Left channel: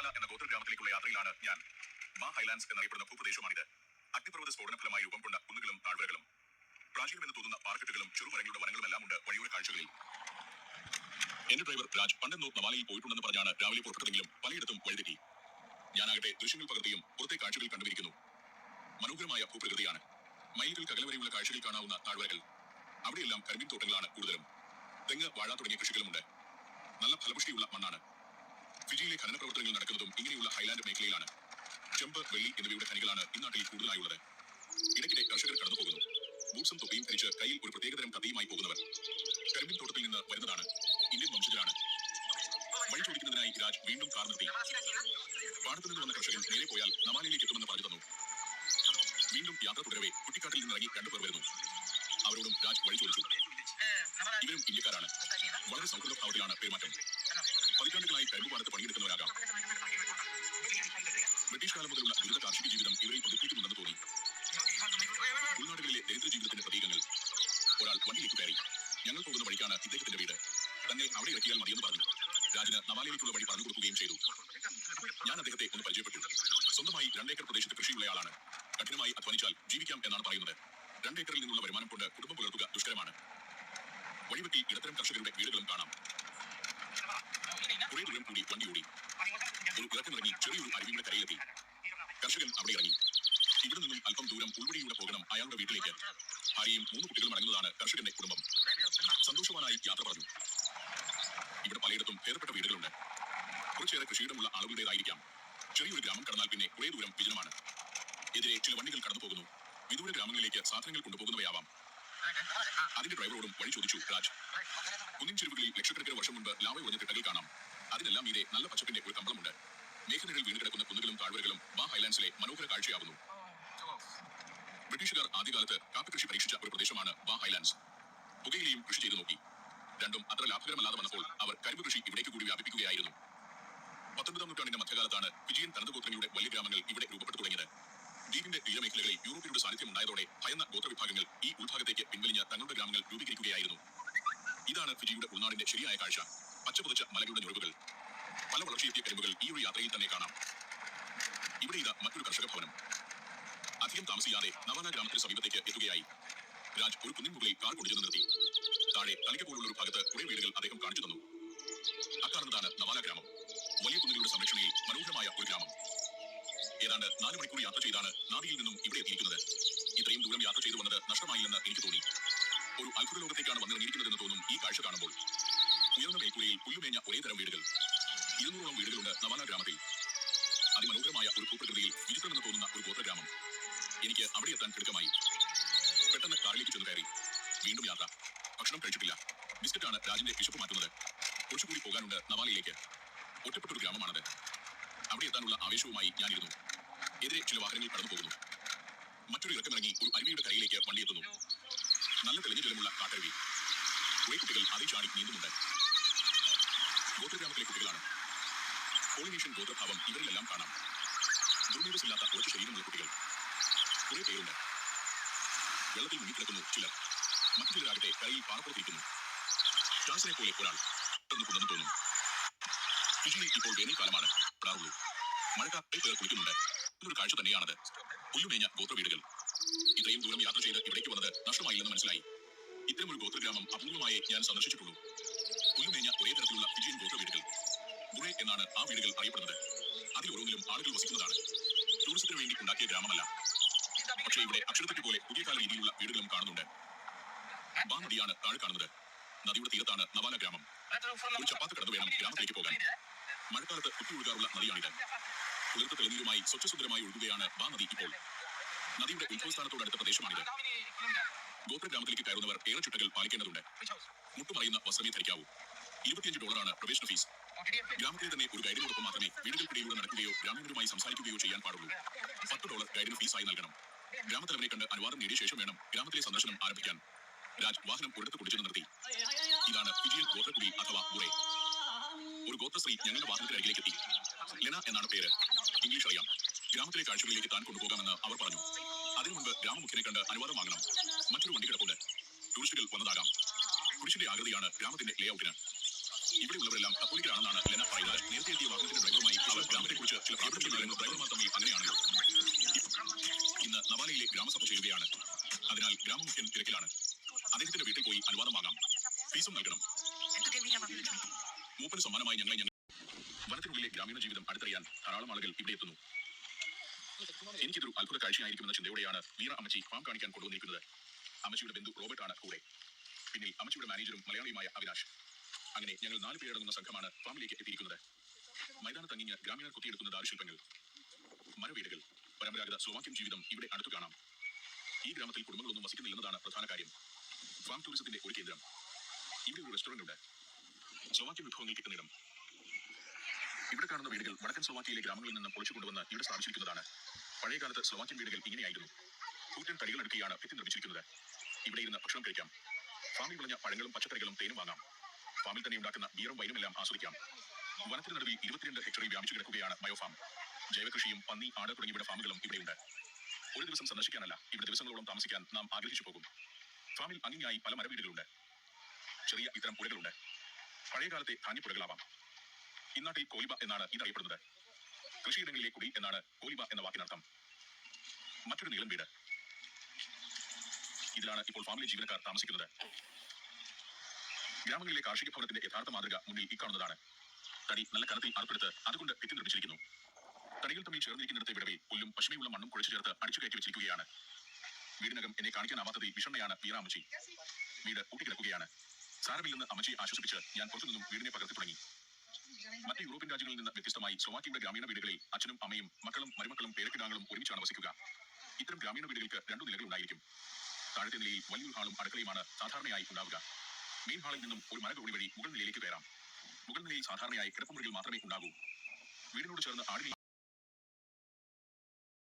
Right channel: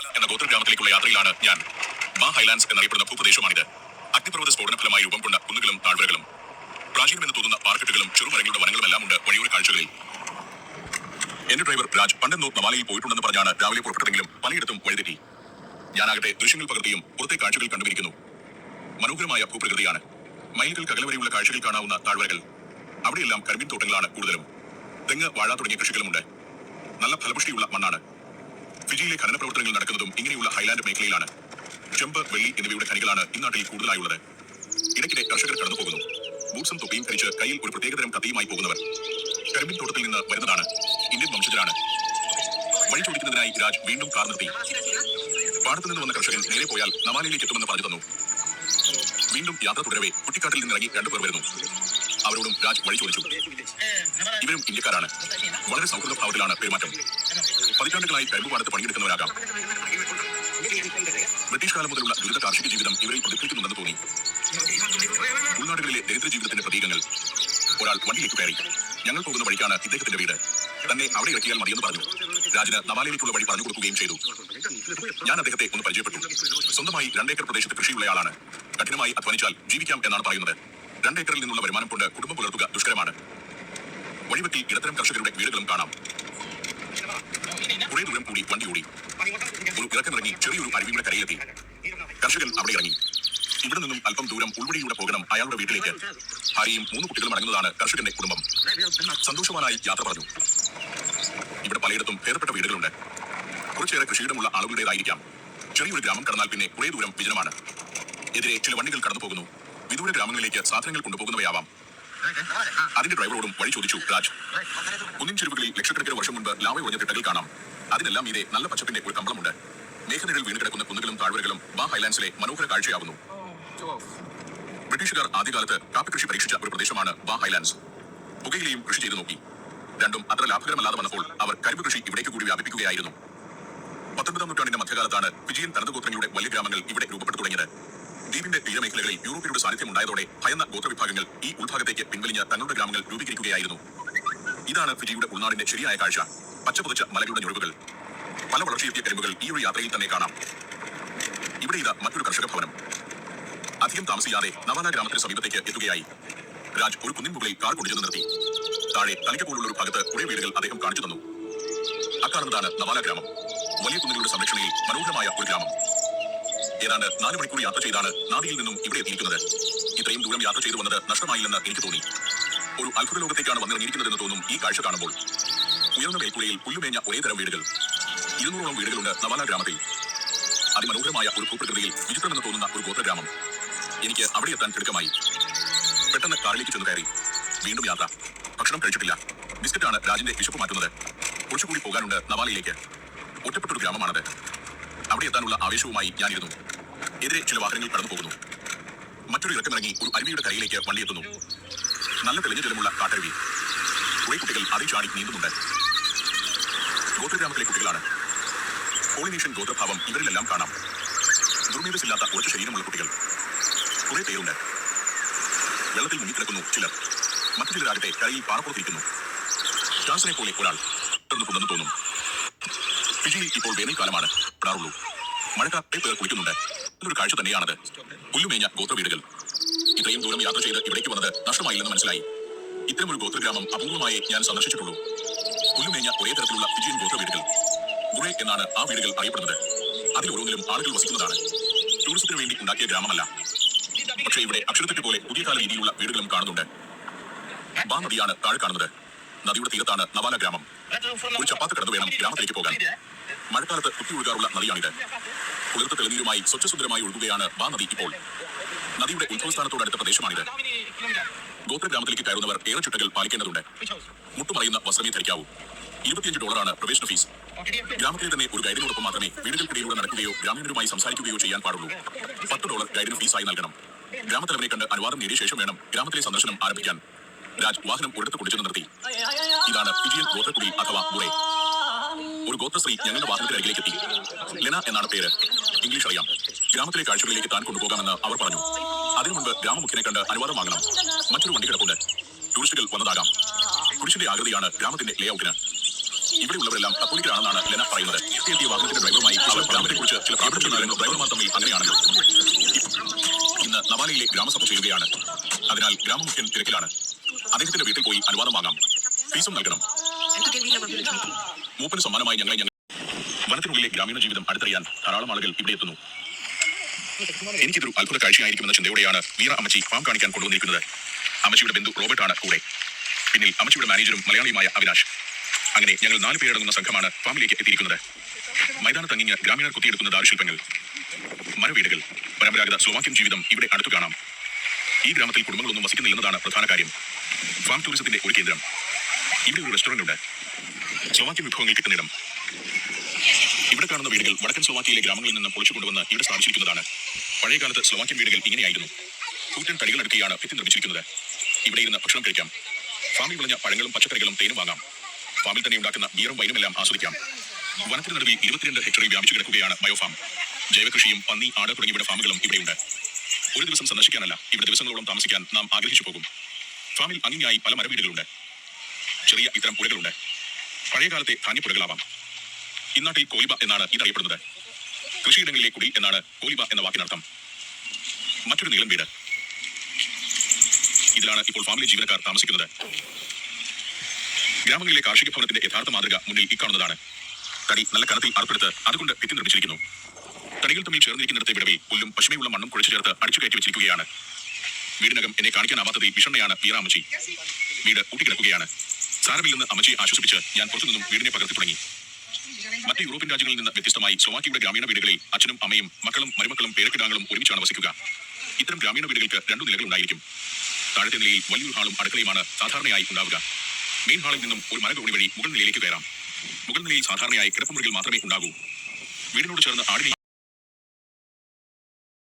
എന്ന ഗോത്ര ഗ്രാമത്തിലേക്കുള്ള യാത്രയിലാണ് ഞാൻ. മാ ഹൈലാൻഡ്സ് എന്നറിയപ്പെടുന്ന ഭൂപ്രദേശമാണിത്. അഗ്നിപർവത സ്ഫോടന ഫലമായി രൂപം കൊണ്ട കുന്നുകളും താഴ്വരകളും. പ്രാചീനമെന്ന് തോന്നുന്ന പാർക്കറ്റുകളും ചെറുമരങ്ങളുടെ വനങ്ങളുമെല്ലാം ഉണ്ട് വഴിയോര കാഴ്ചകളിൽ. എന്റെ ഡ്രൈവർ രാജ് പണ്ടെന്നോ നവാലയിൽ പോയിട്ടുണ്ടെന്ന് പറഞ്ഞാണ് രാവിലെ പുറപ്പെട്ടതെങ്കിലും പലയിടത്തും വഴിതെറ്റി. ഞാനാകട്ടെ ദൃശ്യങ്ങൾ പകർത്തിയും പുറത്തെ കാഴ്ചകൾ കണ്ടുപിടിക്കുന്നു. മനോഹരമായ ഭൂപ്രകൃതിയാണ്. മൈലുകൾക്ക് അകലെ വരെയുള്ള കാഴ്ചകൾ കാണാവുന്ന താഴ്വരകൾ. അവിടെയെല്ലാം കരിമീൻ തോട്ടങ്ങളാണ് കൂടുതലും. തെങ്ങ് വാഴ തുടങ്ങിയ കൃഷികളുമുണ്ട്. നല്ല ഫലപുഷ്ടിയുള്ള മണ്ണാണ്. ഫിജിയിലെ ഖനന പ്രവർത്തനങ്ങൾ നടക്കുന്നതും ഇങ്ങനെയുള്ള ഹൈലാൻഡ് മേഖലയിലാണ്. ചെമ്പ് വെള്ളി എന്നിവയുടെ ഖനികളാണ് ഇന്നാട്ടിൽ കൂടുതലായുള്ളത്. ഇടയ്ക്കിടെ കർഷകർ കടന്നു പോകുന്നു ബൂട്ട്സും തൊപ്പിയും ധരിച്ച് കയ്യിൽ ഒരു പ്രത്യേകതരം കത്തിയുമായി പോകുന്നവർ. കരിമ്പിൻ തോട്ടത്തിൽ നിന്ന് വരുന്നതാണ് ഇന്ത്യൻ വംശജരാണ്. വഴി ചോദിക്കുന്നതിനായി രാജ് വീണ്ടും കാർ നിർത്തി. പാടത്തു നിന്ന് വന്ന കർഷകൻ നേരെ പോയാൽ നമാലയിലേക്ക് എത്തുമെന്ന് പറഞ്ഞു തന്നു. വീണ്ടും യാത്ര തുടരവേ കുട്ടിക്കാട്ടിൽ നിന്നിറങ്ങി രണ്ടുപേർ വരുന്നു. അവരോടും രാജ് വഴി ചോദിച്ചു. ഇവരും ഇന്ത്യക്കാരാണ്. വളരെ സൗഹൃദ ഭാവത്തിലാണ് പെരുമാറ്റം. പതിറ്റാണ്ടുകളായി കരിമ്പ് പാടത്ത് പണിയെടുക്കുന്നവരാകാം. ബ്രിട്ടീഷ് കാലം മുതലുള്ള ദുരിത കാർഷിക ജീവിതം ഇവരെ പ്രതിഫലിക്കുന്നുണ്ടെന്ന് തോന്നി. ഉൾനാടുകളിലെ ദരിദ്ര ജീവിതത്തിന്റെ പ്രതീകങ്ങൾ. ഒരാൾ വണ്ടിയിലേക്ക് കയറി. ഞങ്ങൾ പോകുന്ന വഴിക്കാണ് ഇദ്ദേഹത്തിന്റെ വീട്. തന്നെ അവിടെ ഇറക്കിയാൽ മതിയെന്ന് പറഞ്ഞു. രാജന് നവാലയിലേക്കുള്ള വഴി പറഞ്ഞു കൊടുക്കുകയും ചെയ്തു. ഞാൻ അദ്ദേഹത്തെ ഒന്ന് പരിചയപ്പെട്ടു. സ്വന്തമായി രണ്ടേക്കർ പ്രദേശത്ത് കൃഷിയുള്ളയാളാണ് കഠിനമായി അധ്വാനിച്ചാൽ ജീവിക്കാം എന്നാണ് പറയുന്നത്. രണ്ടേക്കറിൽ നിന്നുള്ള വരുമാനം കൊണ്ട് കുടുംബം പുലർത്തുക ദുഷ്കരമാണ്. വഴിവെട്ടി ഇടത്തരം കർഷകരുടെ വീടുകളും കാണാം. കുറെ ദൂരം കൂടി വണ്ടി ഓടി. ഒരു ഇറക്കമിറങ്ങി ചെറിയൊരു അരുവിയുടെ കരയിലെത്തി. കർഷകൻ അവിടെ ഇറങ്ങി. ഇവിടെ നിന്നും അല്പം ദൂരം ഉൾവഴിയിലൂടെ പോകണം അയാളുടെ വീട്ടിലേക്ക്. ഭാര്യയും മൂന്ന് കുട്ടികളും അടങ്ങുന്നതാണ് കർഷകന്റെ കുടുംബം. സന്തോഷവാനായി യാത്ര പറഞ്ഞു. ഇവിടെ പലയിടത്തും ഭേദപ്പെട്ട വീടുകളുണ്ട്. കുറച്ചേറെ കൃഷിയിടമുള്ള ആളുകളുടേതായിരിക്കാം. ചെറിയൊരു ഗ്രാമം കടന്നാൽ പിന്നെ കുറെ ദൂരം വിജനമാണ്. എതിരെ ചില വണ്ടികൾ കടന്നു പോകുന്നു വിദൂര ഗ്രാമങ്ങളിലേക്ക് സാധനങ്ങൾ കൊണ്ടുപോകുന്നവയാവാം. അതിന്റെ ഡ്രൈവറോടും വഴി ചോദിച്ചു രാജ് കുന്നിൻ ചെരുവുകളിൽ ലക്ഷക്കണക്കിന് വർഷം മുൻപ് ലാവ ഉറഞ്ഞ തിട്ടകൾ കാണാം. അതിനെല്ലാം ഇതേ നല്ല പച്ചപ്പിന്റെ ഒരു കമ്പളമുണ്ട് മേഘനിഴൽ വീണ് കിടക്കുന്ന കുന്നുകളും താഴ്വരകളും ബാ ഹൈലാൻഡ്സിലെ മനോഹര കാഴ്ചയാവുന്നു. ബ്രിട്ടീഷുകാർ ആദ്യകാലത്ത് കാപ്പി കൃഷി പരീക്ഷിച്ച ഒരു പ്രദേശമാണ് ബാ ഹൈലാൻഡ്സ്. പുകയിലെയും കൃഷി ചെയ്തു നോക്കി. രണ്ടും അത്ര ലാഭകരമല്ലാതെ വന്നപ്പോൾ അവർ കരിമ്പ് കൃഷി ഇവിടേക്ക് കൂടി വ്യാപിപ്പിക്കുകയായിരുന്നു. പത്തൊൻപതാം നൂറ്റാണ്ടിന്റെ മധ്യകാലത്താണ് ഫിജിയൻ തനതുഗോത്രങ്ങളുടെ വലിയ ഗ്രാമങ്ങൾ ഇവിടെ രൂപപ്പെട്ടു തുടങ്ങിയത്. ദ്വീപിന്റെ തീരമേഖലകളിൽ യൂറോപ്പിയുടെ സാന്നിധ്യം ഉണ്ടായതോടെ ഭയന്ന ഗോത്രവിഭാഗങ്ങൾ ഈ ഉൾഭാഗത്തേക്ക് പിൻവലിഞ്ഞ തങ്ങളുടെ ഗ്രാമങ്ങൾ രൂപീകരിക്കുകയായിരുന്നു. ഇതാണ് ഫിജിയുടെ ഉൾനാടിന്റെ ശരിയായ കാഴ്ച. പച്ചപുതച്ച മലകളുടെ ഞൊഴുകൾ പല വളർച്ചയെത്തിയ കരിമ്പുകൾ ഈ ഒരു യാത്രയിൽ തന്നെ കാണാം. ഇവിടെ ഇതാ മറ്റൊരു കർഷക ഭവനം. അധികം താമസിയാതെ നവാന ഗ്രാമത്തിന് സമീപത്തേക്ക് എത്തുകയായി. രാജ് ഒരു കുന്നിൻ മുകളിൽ കാർ കൊണ്ടുചെന്ന് നിർത്തി. താഴെ തനിക്ക് പോലുള്ള ഒരു ഭാഗത്ത് കുറെ വീടുകൾ അദ്ദേഹം കാണിച്ചു തന്നു. അക്കാണുന്നതാണ് നവാല ഗ്രാമം. വലിയ കുന്നുകളുടെ സംരക്ഷണയിൽ മനോഹരമായ ഒരു ഗ്രാമം. ഏതാണ്ട് നാല് മണിക്കൂർ യാത്ര ചെയ്താണ് നാദിയിൽ നിന്നും ഇവിടെ എത്തിയിരിക്കുന്നത്. ഇത്രയും ദൂരം യാത്ര ചെയ്തു വന്നത് നഷ്ടമായില്ലെന്ന് എനിക്ക് തോന്നി. ഒരു അത്ഭുത ലോകത്തേക്കാണ് വന്നിറങ്ങിയിരിക്കുന്നതെന്ന് തോന്നും ഈ കാഴ്ച കാണുമ്പോൾ. ഉയർന്ന മേൽക്കൂരയിൽ പുല്ലുമേഞ്ഞ ഒരേ തരം വീടുകൾ. ഇരുന്നൂറോളം വീടുകളുണ്ട് നവാല ഗ്രാമത്തിൽ. അതിമനോഹരമായ ഒരു ഭൂപ്രകൃതിയിൽ വിചിത്രമെന്ന് തോന്നുന്ന ഒരു ഗോത്രഗ്രാമം. എനിക്ക് അവിടെ എത്താൻ തിടുക്കമായി. പെട്ടെന്ന് കാറിലേക്ക് ചെന്ന് കയറി. വീണ്ടും യാത്ര. ഭക്ഷണം കഴിച്ചിട്ടില്ല. ബിസ്ക്കറ്റാണ് രാജിന്റെ വിശപ്പ് മാറ്റുന്നത്. കുറച്ചുകൂടി പോകാനുണ്ട് നവാലയിലേക്ക്. ഒറ്റപ്പെട്ടൊരു ഗ്രാമമാണത്. അവിടെ എത്താനുള്ള ആവേശവുമായി ഞാനിരുന്നു. എതിരെ ചില വാഹനങ്ങൾ കടന്നു പോകുന്നു മറ്റൊരു ഇറക്കമിറങ്ങി ഒരു അരുവിയുടെ കരയിലേക്ക് വണ്ടി എത്തുന്നു. നല്ല തെളിഞ്ഞ ജലമുള്ള കാട്ടരുവി. കുറെ കുട്ടികൾ അതിൽ ചാടി നീന്തുന്നുണ്ട്. ഗോത്രഗ്രാമത്തിലെ കുട്ടികളാണ്. പോളിനേഷ്യൻ ഗോത്രഭാവം ഇവരിലെല്ലാം കാണാം. ദുർമേധസില്ലാത്ത ഉറച്ച ശരീരമുള്ള കുട്ടികൾ. കുറെ പേരുണ്ട്. വെള്ളത്തിൽ മുങ്ങിക്കിടക്കുന്നു ചിലർ. മറ്റു ചിലരാകട്ടെ കരയിൽ പാറപ്പുറത്തിരിക്കുന്നു. ജാൻസനെ പോലെ ഒരാൾ തുടർന്നിട്ടുണ്ടെന്ന് തോന്നും. ഫിജിയിൽ ഇപ്പോൾ വേനൽക്കാലമാണ്. പെടാറുള്ളൂ. മഴക്കാലത്തെ പേർ കുളിക്കുന്നുണ്ട്. നല്ലൊരു കാഴ്ച തന്നെയാണത്. പുല്ലുമേഞ്ഞ ഗോത്ര വീടുകൾ ഇത്രയും ദൂരം യാത്ര ചെയ്ത് ഇവിടേക്ക് വന്നത് നഷ്ടമായില്ലെന്ന് മനസ്സിലായി. ഇത്തരമൊരു ഗോത്രഗ്രാമം അപൂർവമായി ഞാൻ സന്ദർശിച്ചിട്ടുള്ളൂ. പുല്ലുമേഞ്ഞ ഒരേ തരത്തിലുള്ള ഫിജിയൻ ഗോത്ര വീടുകൾ ഗുറേ എന്നാണ് ആ വീടുകൾ അറിയപ്പെടുന്നത്. അതിൽ ഓരോന്നിലും ആളുകൾ വസിക്കുന്നതാണ്. ടൂറിസത്തിന് വേണ്ടി ഉണ്ടാക്കിയ ഗ്രാമമല്ല. പക്ഷേ ഇവിടെ അക്ഷരത്തെറ്റ് പോലെ പുതിയ കാല രീതിയിലുള്ള വീടുകളും കാണുന്നുണ്ട്. ബാ നദിയാണ് താഴെ കാണുന്നത്. നദിയുടെ തീരത്താണ് നവാല ഗ്രാമം. ഒരു ചപ്പാത്ത് കടന്നു വേണം ഗ്രാമത്തിലേക്ക് പോകാൻ. മഴക്കാലത്ത് കുത്തി ഒഴുകാറുള്ള നദിയാണിത്. കുളിർത്ത തെളിനീരുമായി സ്വച്ഛസുന്ദരമായി ഒഴുകുകയാണ് ബാ നദി ഇപ്പോൾ. നദിയുടെ ഉത്ഭവസ്ഥാനത്തോടടുത്ത പ്രദേശമാണിത്. ഗോത്ര ഗ്രാമത്തിലേക്ക് കയറുന്നവർ ഏറെ ചുട്ടകൾ പാലിക്കേണ്ടതുണ്ട്. മുട്ടുമറയുന്ന വസ്ത്രമേ ധരിക്കാവൂ. ഇരുപത്തിയഞ്ച് ഡോളറാണ് പ്രവേശന ഫീസ്. ഗ്രാമത്തിലെ തന്നെ ഒരു ഗൈഡിനോടൊപ്പം മാത്രമേ വീടുകൾക്കിടയിലൂടെ നടക്കുകയോ ഗ്രാമീണരുമായി സംസാരിക്കുകയോ ചെയ്യാൻ പാടുള്ളൂ. പത്ത് ഡോളർ ഗൈഡിന് ഫീസായി നൽകണം. ഗ്രാമത്തലവനെ കണ്ട് അനുവാദം നേടിയ ശേഷം വേണം ഗ്രാമത്തിലെ സന്ദർശനം ആരംഭിക്കാൻ. രാജ് വാഹനം ഒരിടത്ത് കൊണ്ടുചെന്ന് നിർത്തി. ഇതാണ് ഫിജിയൻ ഗോത്രക്കുടി അഥവാ ബുറേ ഒരു ഗോത്രശ്രീ ഞങ്ങളുടെ വാഹനത്തിന് അരികിലേക്ക് എത്തി. ലെന എന്നാണ് പേര്. ഇംഗ്ലീഷ് അറിയാം. ഗ്രാമത്തിലെ കാഴ്ചകളിലേക്ക് താൻ കൊണ്ടുപോകാമെന്ന് അവർ പറഞ്ഞു. അതിനു മുൻപ് ഗ്രാമമുഖ്യനെ കണ്ട് അനുവാദം വാങ്ങണം. മറ്റൊരു വണ്ടി കിടപ്പുണ്ട്. ടൂറിസ്റ്റുകൾ വന്നതാകാം. കുരിശിന്റെ ആകൃതിയാണ് ഗ്രാമത്തിന്റെ ലേഔട്ടിന് ഇവിടെയുള്ളവരെല്ലാം കത്തോലിക്കലാണെന്നാണ് ലെന പറയുന്നത്. എത്തിയ വാഹനത്തിന്റെ ഡ്രൈവറുമായി അവർ ഗ്രാമത്തെ കുറിച്ച് ചില പ്രാർത്ഥനകളായിരുന്നു ഡ്രൈവർമാർ തമ്മിൽ അങ്ങനെയാണല്ലോ. ഇന്ന് നവാലയിലെ ഗ്രാമസഭ ചെയ്യുകയാണ് അതിനാൽ ഗ്രാമമുഖ്യൻ തിരക്കിലാണ്. അദ്ദേഹത്തിന്റെ വീട്ടിൽ പോയി അനുവാദം വാങ്ങാം. ഫീസും നൽകണം. മൂപ്പന് സമ്മാനമായി ഞങ്ങളെ ഞങ്ങൾ വനത്തിനുള്ളിലെ ഗ്രാമീണ ജീവിതം അടുത്തറിയാൻ ധാരാളം ആളുകൾ ഇവിടെ എത്തുന്നു. എനിക്കിതൊരു അത്ഭുത കാഴ്ചയായിരിക്കുമെന്ന ചിന്തയോടെയാണ് വീറ അമ്മച്ചി ഫാം കാണിക്കാൻ കൊണ്ടുവന്നിരിക്കുന്നത്. അമ്മച്ചിയുടെ ബന്ധു റോബർട്ടാണ് കൂടെ. പിന്നിൽ അമ്മച്ചിയുടെ മാനേജറും മലയാളിയുമായ അവിനാഷ്. അങ്ങനെ ഞങ്ങൾ നാല് പേരടങ്ങുന്ന സംഘമാണ് ഫാമിലേക്ക് എത്തിയിരിക്കുന്നത്. മൈതാനത്തങ്ങിഞ്ഞ് ഗ്രാമീണർ കുത്തിയെടുക്കുന്ന ദാരുശില്പങ്ങൾ. മരവീടുകൾ. പരമ്പരാഗത സ്ലോവാക്യൻ ജീവിതം ഇവിടെ അടുത്തു കാണാം. ഈ ഗ്രാമത്തിൽ കുടുംബങ്ങളൊന്നും വസിക്കുന്നില്ലെന്നതാണ് പ്രധാന കാര്യം. ഫാം ടൂറിസത്തിന്റെ ഒരു കേന്ദ്രം. ഇവിടെ ഒരു റെസ്റ്റോറന്റ് ഉണ്ട്. സ്ലോവാക്യൻ വിഭവങ്ങൾ കിട്ടുന്നിടം. ഇവിടെ കാണുന്ന വീടുകൾ വടക്കൻ സ്ലോവാക്കിയയിലെ ഗ്രാമങ്ങളിൽ നിന്ന് പൊളിച്ചു കൊണ്ടുവന്ന് ഇവിടെ സ്ഥാപിച്ചിരിക്കുന്നതാണ്. പഴയ കാലത്ത് സ്ലോവാക്യൻ വീടുകൾ ഇങ്ങനെയായിരുന്നു. കൂറ്റൻ തടികൾ അടുക്കിയാണ് ഭിത്തി നിർമ്മിച്ചിരിക്കുന്നത്. ഇവിടെ ഇരുന്ന് ഭക്ഷണം കഴിക്കാം. ഫാമിൽ വിളഞ്ഞ പഴങ്ങളും പച്ചക്കറികളും തേനും വാങ്ങാം. ഫാമിൽ തന്നെ ഉണ്ടാക്കുന്ന ബീറും വൈനും എല്ലാം ആസ്വദിക്കാം. വനത്തിന് നടുവിൽ ഇരുപത്തിരണ്ട് ഹെക്ടറിൽ വ്യാപിച്ചു കിടക്കുകയാണ് ബയോഫാം. ജൈവകൃഷിയും പന്നി ആട് തുടങ്ങിയവയുടെ ഫാമുകളും ഇവിടെയുണ്ട്. ഒരു ദിവസം സന്ദർശിക്കാനല്ല ഇവിടെ ദിവസങ്ങളോളം താമസിക്കാൻ നാം ആഗ്രഹിച്ചു പോകും. ഫാമിൽ അങ്ങിങ്ങായി പല മരവീടുകളുണ്ട്. ചെറിയ ഇത്തരം പുഴകളുണ്ട് പഴയകാലത്തെ ധാന്യപ്പുഴകളാവാം ഇന്നാട്ടിൽ കോലിബ എന്നാണ് ഇതറിയപ്പെടുന്നത്. കൃഷിയിടങ്ങളിലെ കുടി എന്നാണ് കോലിബ എന്ന വാക്കിനർത്ഥം. മറ്റൊരു നീളം വീട്. ഇതിലാണ് ഇപ്പോൾ ഫാമിലി ജീവനക്കാർ താമസിക്കുന്നത്. ഗ്രാമങ്ങളിലെ കാർഷിക ഭവനത്തിന്റെ യഥാർത്ഥ മാതൃക മുന്നിൽ ഇക്കാണുന്നതാണ് തടി നല്ല കനത്തിൽ അർപ്പെടുത്ത് അതുകൊണ്ട് ഭിത്തി നിർമ്മിച്ചിരിക്കുന്നു. തടികൾ തമ്മിൽ ചേർന്നിരിക്കുന്നിടത്തെ വിടവിൽ പുല്ലും പശുമയുള്ള മണ്ണും കുഴച്ചു ചേർത്ത് അടിച്ചു കയറ്റി വെച്ചിരിക്കുകയാണ്. വീടിനകം എന്നെ കാണിക്കാനാവാത്തതിൽ വിഷണ്ണയാണ് പീറാമച്ചി. വീട് ഊട്ടിക്കിടക്കുകയാണ്. സാരമില്ലെന്ന് അമ്മച്ചിയെ ആശ്വസിപ്പിച്ച് ഞാൻ പുറത്തുനിന്നും വീടിനെ പകർത്തി തുടങ്ങി. മറ്റ് യൂറോപ്യൻ രാജ്യങ്ങളിൽ നിന്ന് വ്യത്യസ്തമായി സ്ലോവാക്കിയുടെ ഗ്രാമീണ വീടുകളിൽ അച്ഛനും അമ്മയും മക്കളും മരുമക്കളും പേരക്കിടാങ്ങളും ഒരുമിച്ചാണ് വസിക്കുക. ഇത്തരം ഗ്രാമീണ വീടുകൾക്ക് രണ്ടു നിലകൾ ഉണ്ടായിരിക്കും. താഴത്തെ നിലയിൽ വലിയൊരു ഹാളും അടുക്കളയുമാണ് സാധാരണയായി ഉണ്ടാവുക. മെയിൻ ഹാളിൽ നിന്നും ഒരു മരകോണി വഴി മുകൾ നിലയിലേക്ക് കയറാം. മുകൾ നിലയിൽ സാധാരണയായി കിടപ്പുമുറികൾ മാത്രമേ ഉണ്ടാകൂ. വീടിനോട് ചേർന്ന് ആടിനെ